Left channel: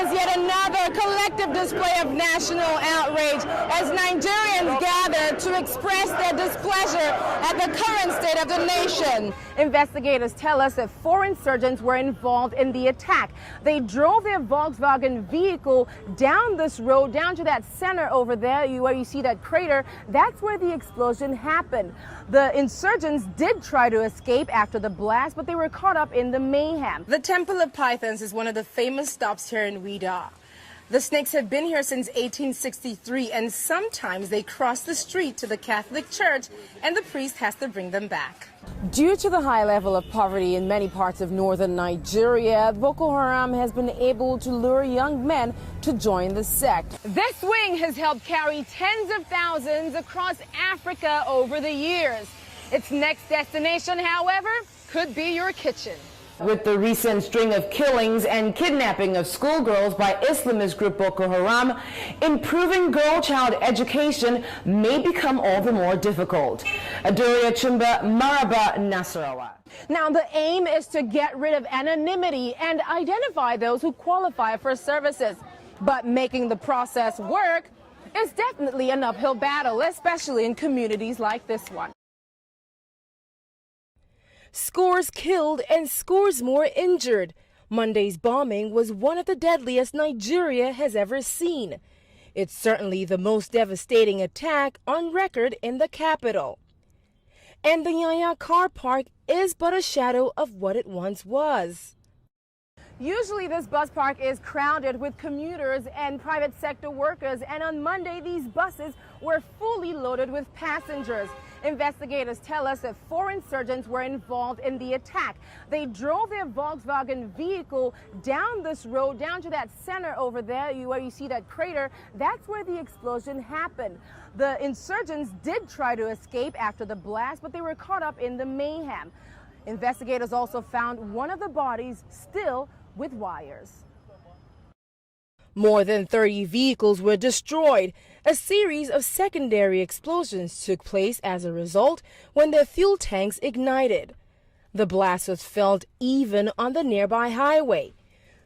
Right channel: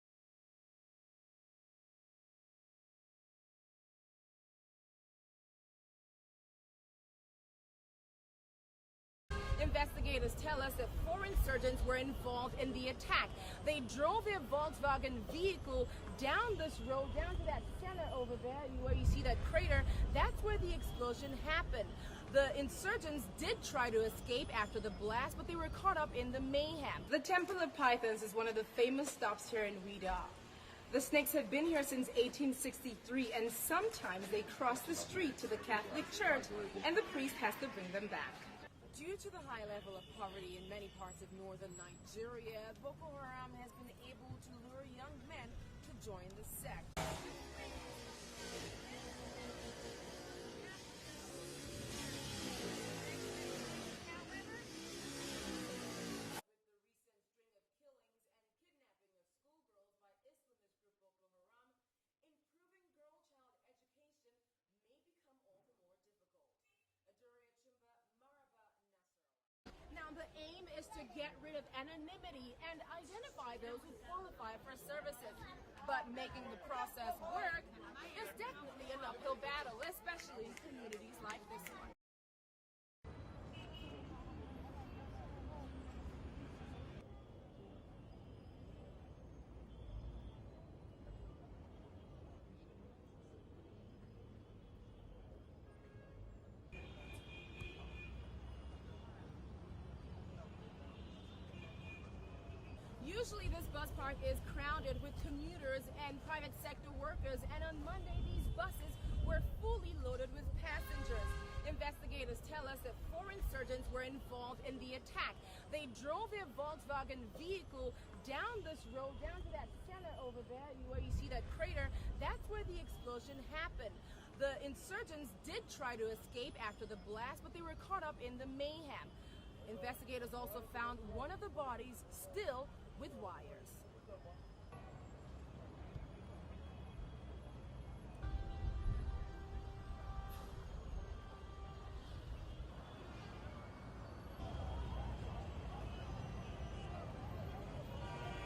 is yet another collective display of national outrage as Nigerians gather to express their displeasure at the current state of the nation. Investigators tell us that 4 insurgents were involved in the attack. They drove their Volkswagen vehicle down this road, down to that center over there where you see that crater. That's where the explosion happened. The insurgents did try to escape after the blast, but they were caught up in the mayhem. The Temple of Pythons is one of the famous stops here in Ouidah. The snakes have been here since 1863, and sometimes they cross the street to the Catholic Church, and the priest has to bring them back. Due to the high level of poverty in many parts of northern Nigeria, Boko Haram has been able to lure young men to join the sect. This wing has helped carry tens of thousands across Africa over the years. Its next destination, however, could be your kitchen. With the recent string of killings and kidnapping of schoolgirls by Islamist group Boko Haram, improving girl-child education may become all the more difficult. Adaure Achumba, Maraba, Nasarawa. Now, the aim is to get rid of anonymity and identify those who qualify for services. But making the process work is definitely an uphill battle, especially in communities like this one. Scores killed and scores more injured. Monday's bombing was one of the deadliest Nigeria has ever seen. It's certainly the most devastating attack on record in the capital. And the Yaya car park is but a shadow of what it once was. Usually this bus park is crowded with commuters and private sector workers, and on Monday these buses were fully loaded with passengers. Investigators tell us that 4 insurgents were involved in the attack. They drove their Volkswagen vehicle down this road, down to that center over there where you see that crater. That's where the explosion happened. The insurgents did try to escape after the blast, but they were caught up in the mayhem. Investigators also found one of the bodies still with wires. More than 30 vehicles were destroyed. A series of secondary explosions took place as a result when their fuel tanks ignited. The blast was felt even on the nearby highway.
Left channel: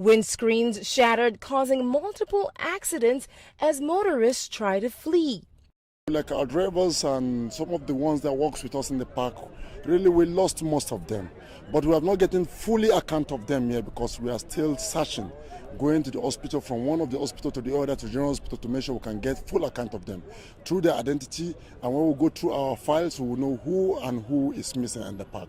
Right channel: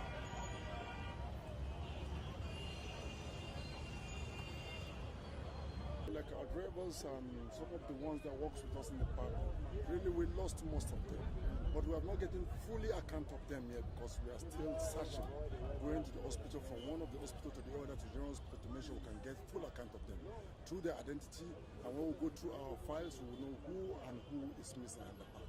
Windscreens shattered, causing multiple accidents as motorists try to flee. Like our drivers and some of the ones that works with us in the park, really we lost most of them. But we have not gotten fully account of them here because we are still searching, going to the hospital, from one of the hospital to the other to general hospital, to make sure we can get full account of them through their identity. And when we go through our files, we will know who and who is missing in the park.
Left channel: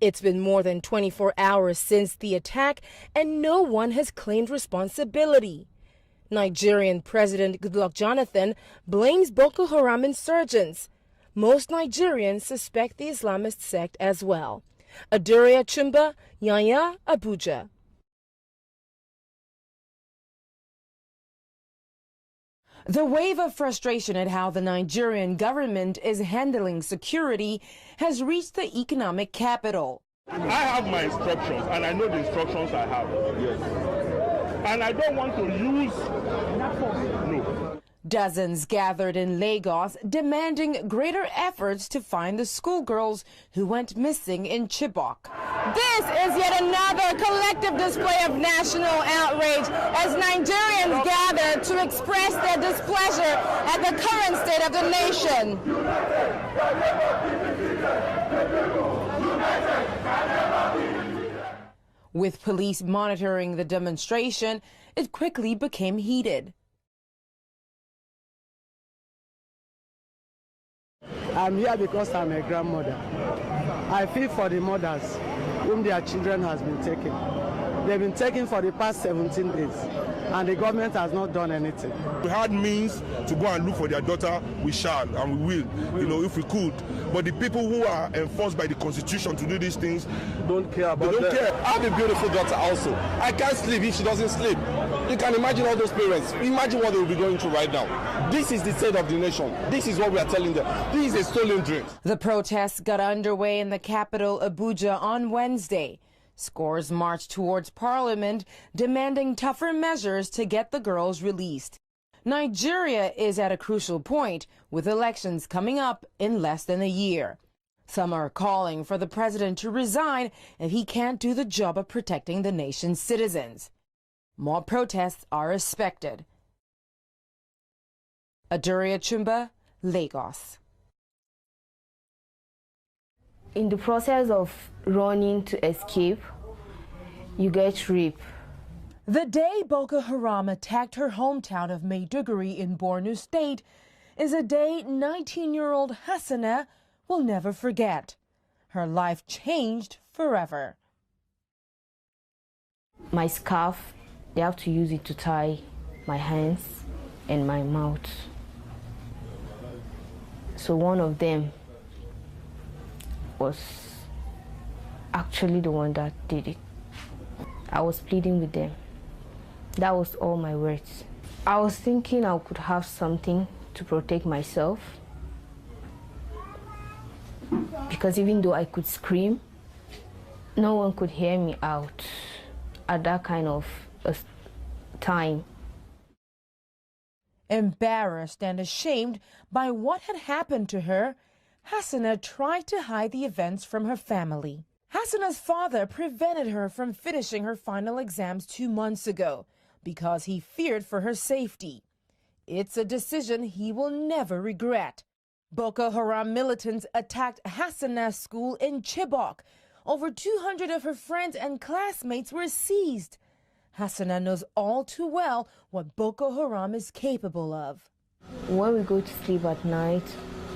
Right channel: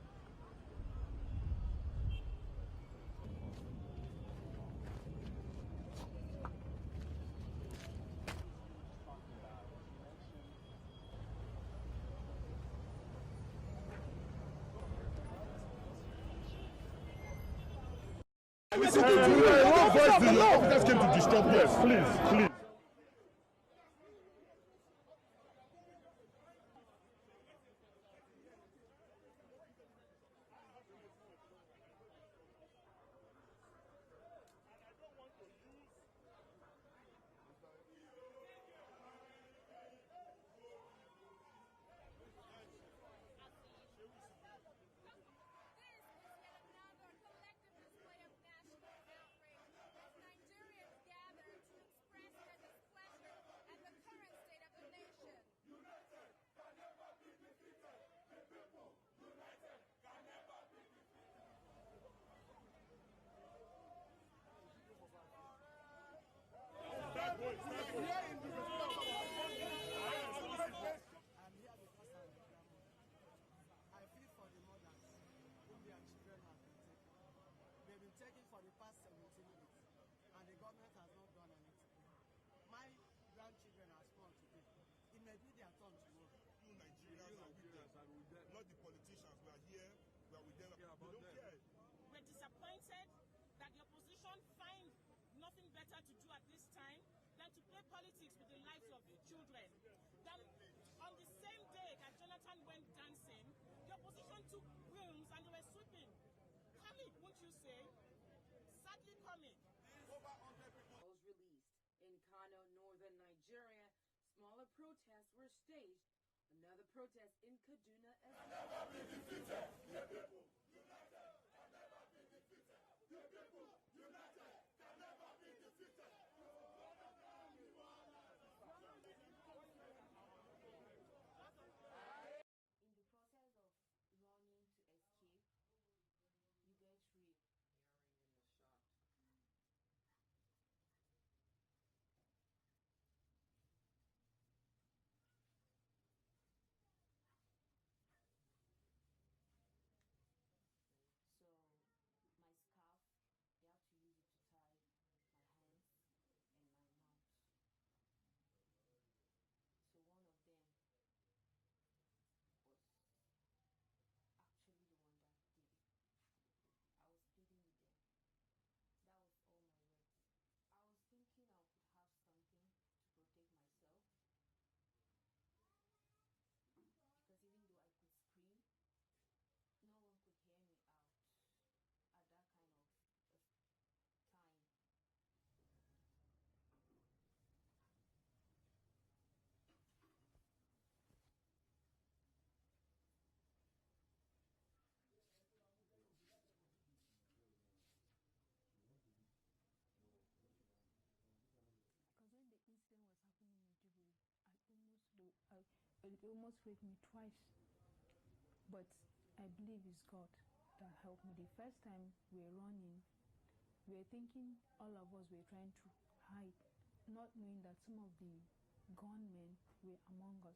It's been more than 24 hours since the attack, and no one has claimed responsibility. Nigerian President Goodluck Jonathan blames Boko Haram insurgents. Most Nigerians suspect the Islamist sect as well. Adaure Achumba, Yaya, Abuja. The wave of frustration at how the Nigerian government is handling security has reached the economic capital. I have my instructions, and I know the instructions I have. Yes. And I don't want to use. No. Dozens gathered in Lagos demanding greater efforts to find the schoolgirls who went missing in Chibok. This is yet another collective display of national outrage as Nigerians gather to express their displeasure at the current state of the nation. With police monitoring the demonstration, it quickly became heated. I'm here because I'm a grandmother. I feel for the mothers whom their children has been taken. They've been taken for the past 17 days, and the government has not done anything. We had means to go and look for their daughter, we shall and we will, if we could. But the people who are enforced by the Constitution to do these things Don't care about they don't care. I have a beautiful daughter also. I can't sleep if she doesn't sleep. You can imagine all those parents. Imagine what they will be going through right now. This is the state of the nation. This is what we are telling them. This is a stolen dream. The protests got underway in the capital, Abuja, on Wednesday. Scores marched towards Parliament, demanding tougher measures to get the girls released. Nigeria is at a crucial point, with elections coming up in less than a year. Some are calling for the president to resign if he can't do the job of protecting the nation's citizens. more protests are expected. Adaure Achumba, Lagos. In the process of running to escape, you get raped. The day Boko Haram attacked her hometown of Maiduguri in Borno State is a day 19-year-old Hassana will never forget. Her life changed forever. My scarf, they have to use it to tie my hands and my mouth. So one of them was actually the one that did it. I was pleading with them. That was all my words. I was thinking I could have something to protect myself, because even though I could scream, no one could hear me out at that kind of time. Embarrassed and ashamed by what had happened to her, Hassana tried to hide the events from her family. Hassana's father prevented her from finishing her final exams 2 months ago because he feared for her safety. It's a decision he will never regret. Boko Haram militants attacked Hassana's school in Chibok. Over 200 of her friends and classmates were seized. Hassana knows all too well what Boko Haram is capable of. When we go to sleep at night,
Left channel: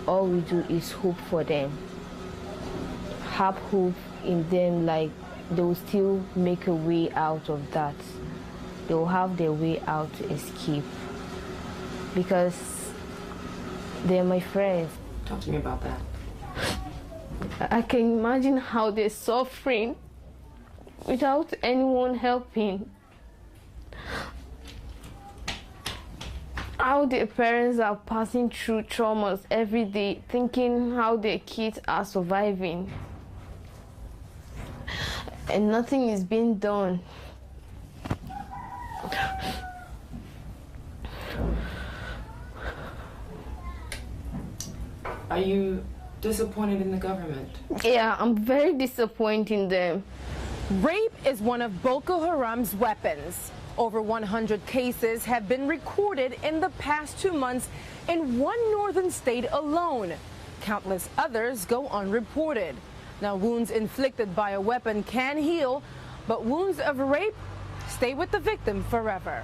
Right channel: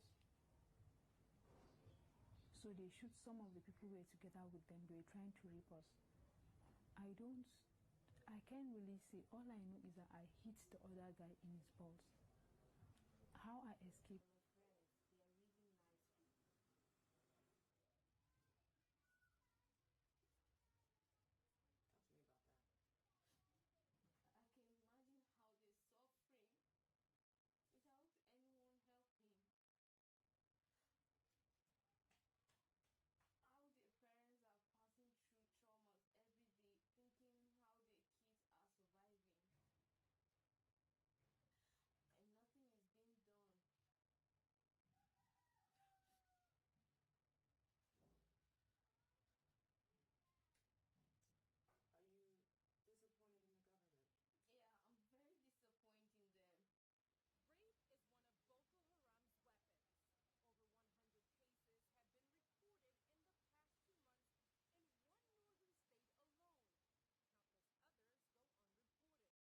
all we do is hope for them. Have hope in them, like they will still make a way out of that. They will have their way out to escape, because they're my friends. Talk to me about that. I can imagine how they're suffering without anyone helping. How their parents are passing through traumas every day, thinking how their kids are surviving. And nothing is being done. Are you disappointed in the government? Yeah, I'm very disappointed in them. Rape is one of Boko Haram's weapons. Over 100 cases have been recorded in the past 2 months in one northern state alone. Countless others go unreported. Now, wounds inflicted by a weapon can heal, but wounds of rape stay with the victim forever.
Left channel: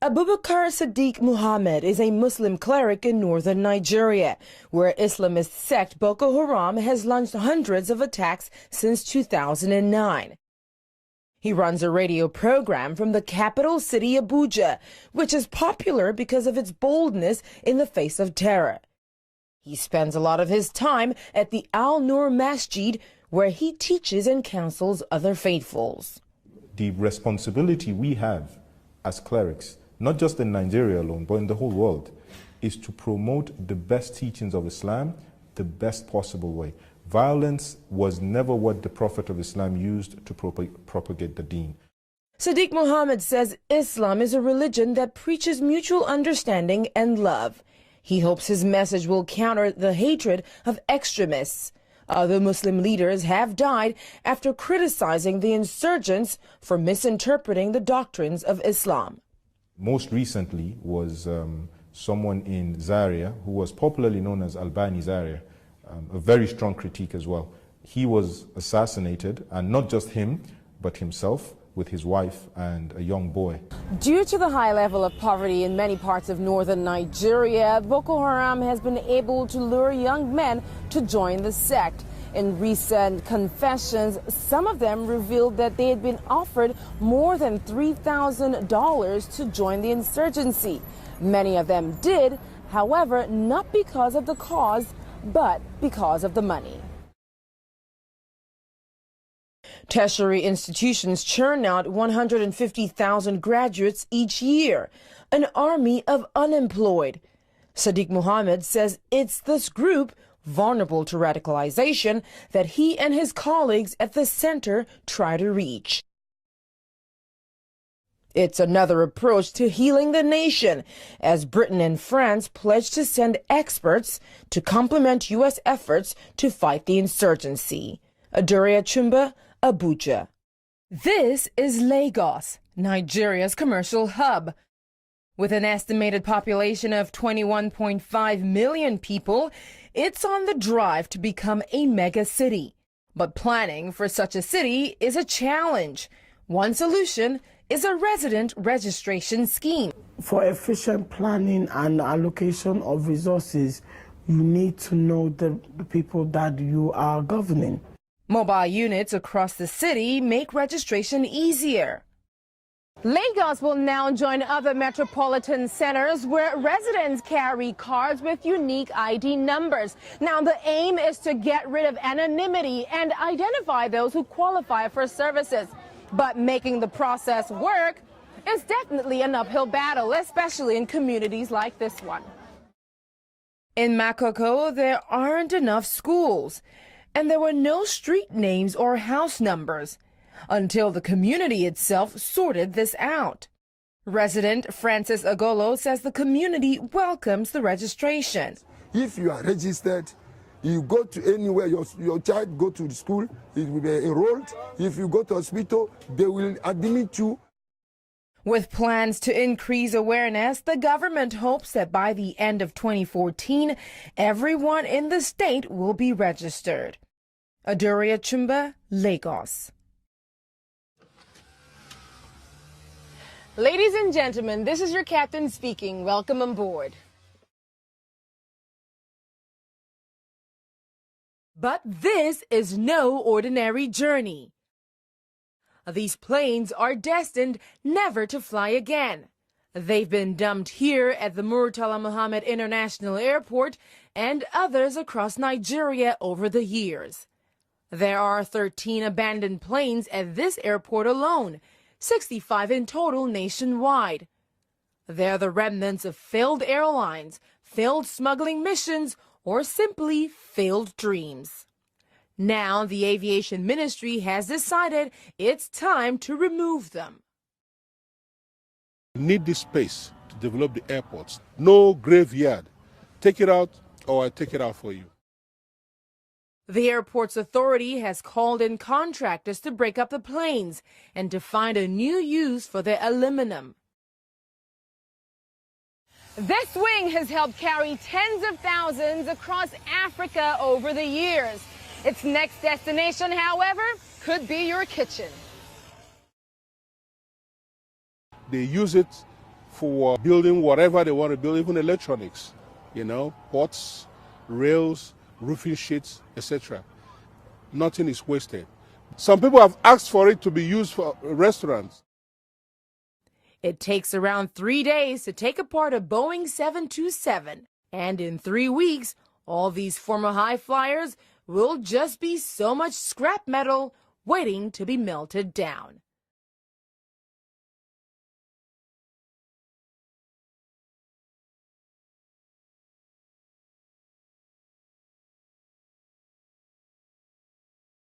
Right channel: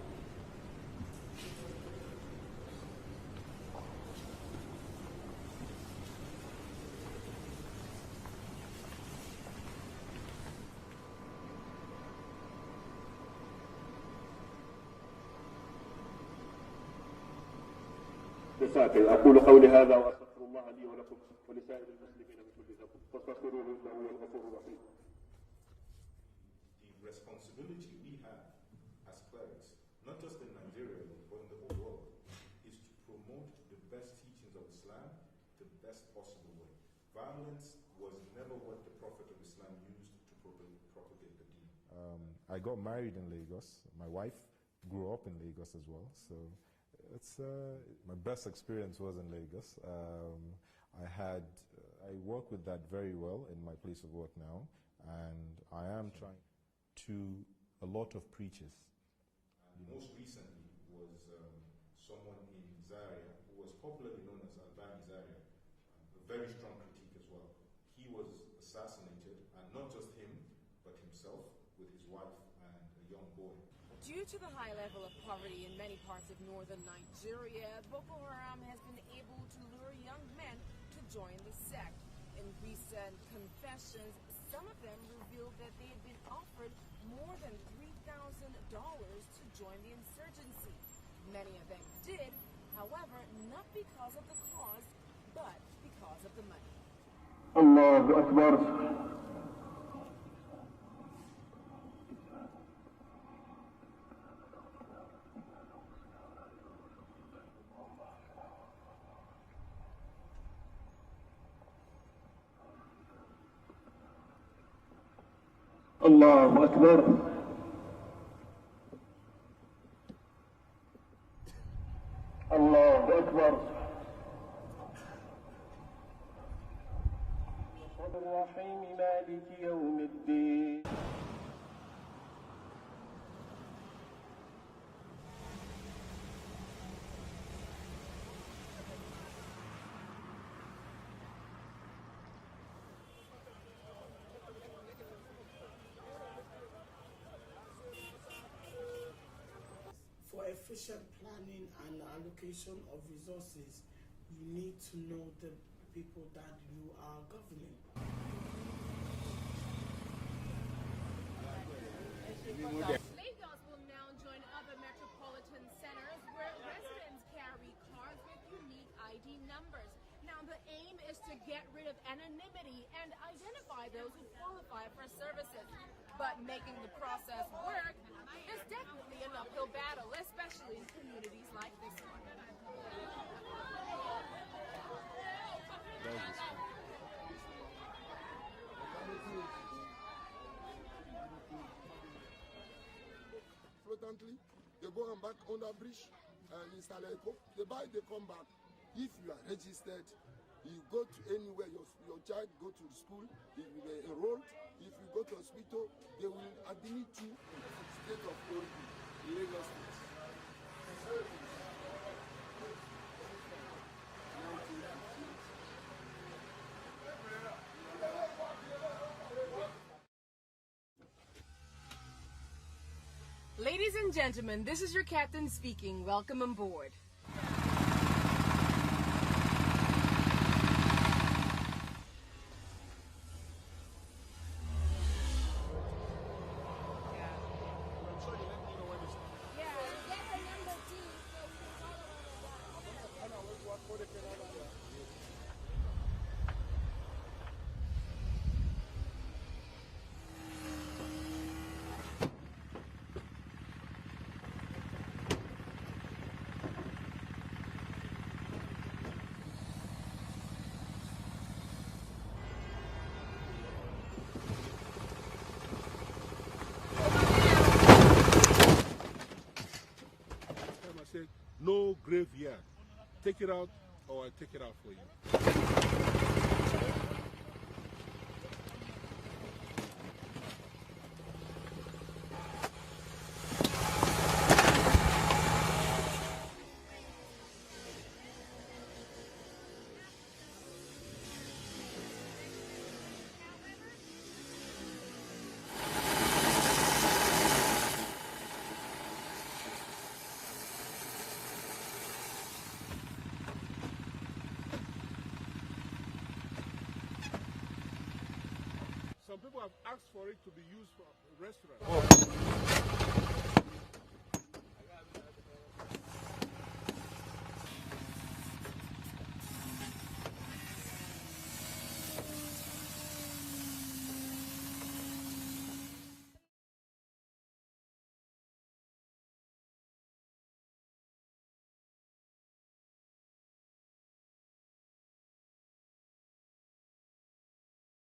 Abubakar Sadiq Muhammad is a Muslim cleric in northern Nigeria, where Islamist sect Boko Haram has launched hundreds of attacks since 2009. He runs a radio program from the capital city, Abuja, which is popular because of its boldness in the face of terror. He spends a lot of his time at the Al-Nur Masjid, where he teaches and counsels other faithfuls. The responsibility we have as clerics, not just in Nigeria alone, but in the whole world, is to promote the best teachings of Islam the best possible way. Violence was never what the Prophet of Islam used to propagate the deen. Sadiq Muhammad says Islam is a religion that preaches mutual understanding and love. He hopes his message will counter the hatred of extremists. Other Muslim leaders have died after criticizing the insurgents for misinterpreting the doctrines of Islam. Most recently was someone in Zaria who was popularly known as Albani Zaria, a very strong critique as well. He was assassinated, and not just him, but himself with his wife and a young boy. Due to the high level of poverty in many parts of northern Nigeria, Boko Haram has been able to lure young men to join the sect. In recent confessions, some of them revealed that they had been offered more than $3,000 to join the insurgency. Many of them did, however, not because of the cause, but because of the money. Tertiary institutions churn out 150,000 graduates each year, an army of unemployed. Sadiq Muhammad says it's this group, vulnerable to radicalization, that he and his colleagues at the center try to reach. It's another approach to healing the nation, as Britain and France pledge to send experts to complement U.S. efforts to fight the insurgency. Adaure Achumba, Abuja. This is Lagos, Nigeria's commercial hub. With an estimated population of 21.5 million people, it's on the drive to become a mega city. But planning for such a city is a challenge. One solution is a resident registration scheme. For efficient planning and allocation of resources, you need to know the people that you are governing. Mobile units across the city make registration easier. Lagos will now join other metropolitan centers where residents carry cards with unique ID numbers. Now, the aim is to get rid of anonymity and identify those who qualify for services. But making the process work is definitely an uphill battle, especially in communities like this one. In Makoko, there aren't enough schools, and there were no street names or house numbers until the community itself sorted this out. Resident Francis Agolo says the community welcomes the registration. If you are registered, you go to anywhere, your child go to the school, it will be enrolled. If you go to hospital, they will admit you. With plans to increase awareness, the government hopes that by the end of 2014, everyone in the state will be registered. Adaure Achumba, Lagos. Ladies and gentlemen, this is your captain speaking. Welcome on board. But this is no ordinary journey. These planes are destined never to fly again. They've been dumped here at the Murtala Muhammad International Airport and others across Nigeria over the years. There are 13 abandoned planes at this airport alone, 65 in total nationwide. They're the remnants of failed airlines, failed smuggling missions, or simply failed dreams. Now the aviation ministry has decided it's time to remove them. We need this space to develop the airports. No graveyard. Take it out or I take it out for you. The airport's authority has called in contractors to break up the planes and to find a new use for their aluminum. This wing has helped carry tens of thousands across Africa over the years. Its next destination, however, could be your kitchen. They use it for building whatever they want to build, even electronics, pots, rails, roofing sheets, etc. Nothing is wasted. Some people have asked for it to be used for a restaurant. It takes around 3 days to take apart a Boeing 727. And in 3 weeks, all these former high flyers will just be so much scrap metal waiting to be melted down.